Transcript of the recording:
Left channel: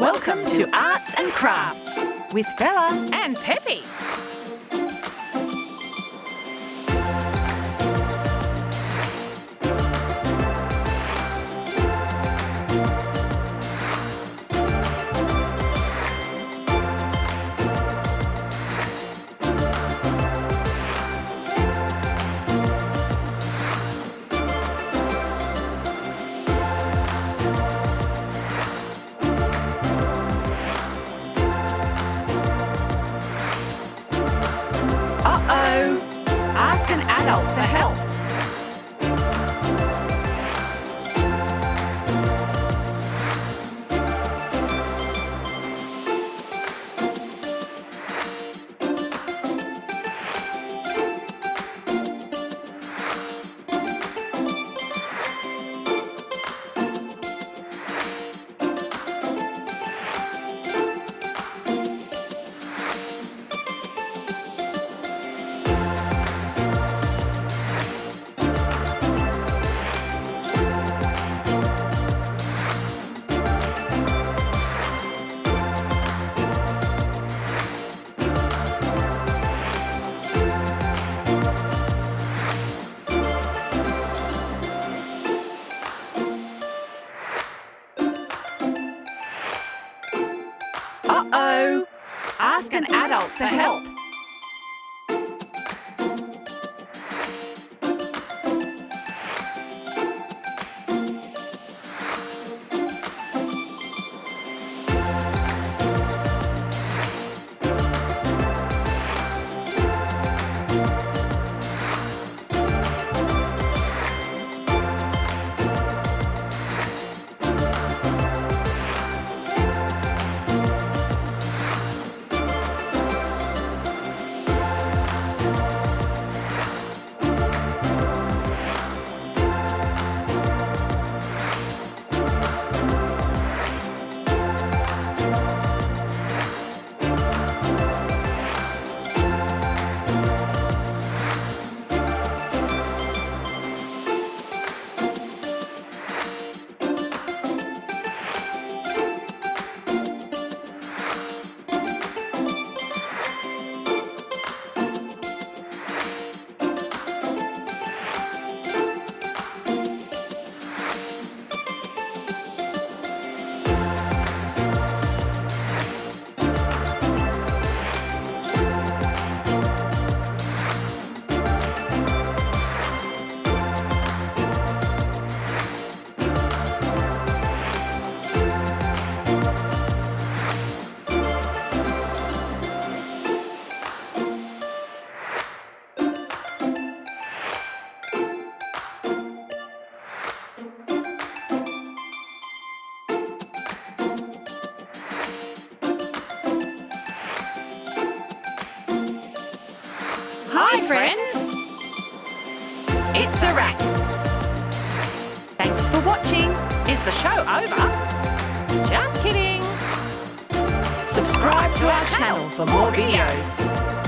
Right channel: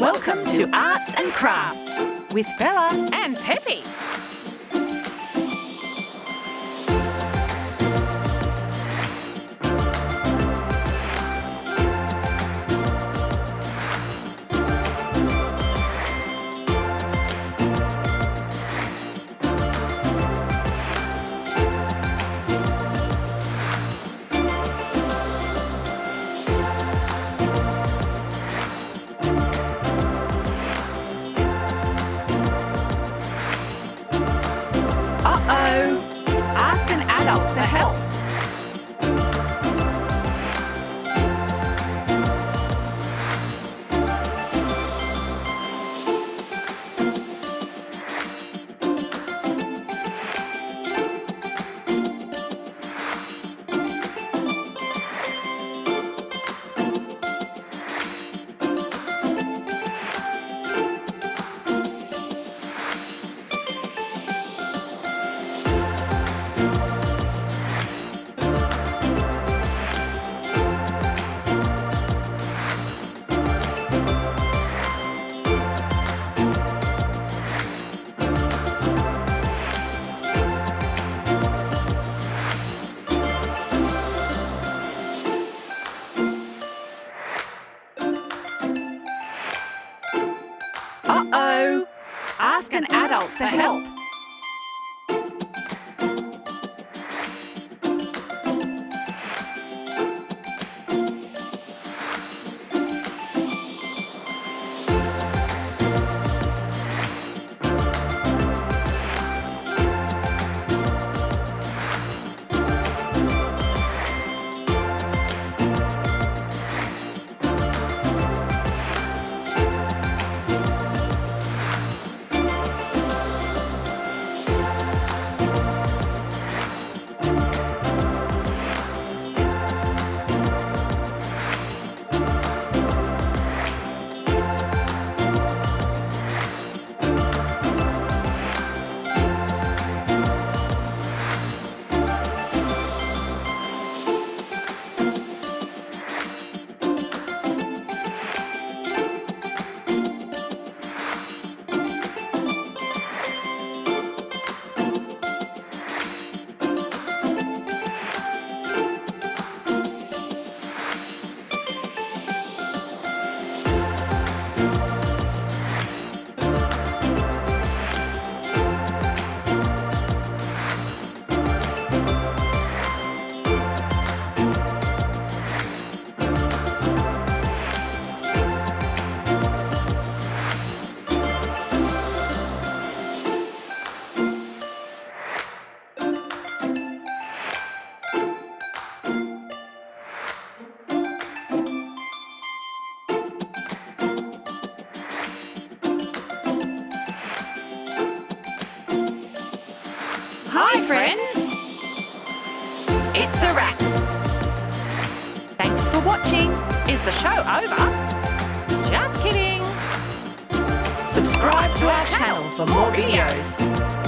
Welcome to Arts and Crafts with Bella and Pepe. Uh-oh! Ask an adult for help. Uh-oh! Ask an adult for help. Hi, friends! It's a wrap. Thanks for watching. Is the show over? Just kidding. Subscribe to our channel for more videos.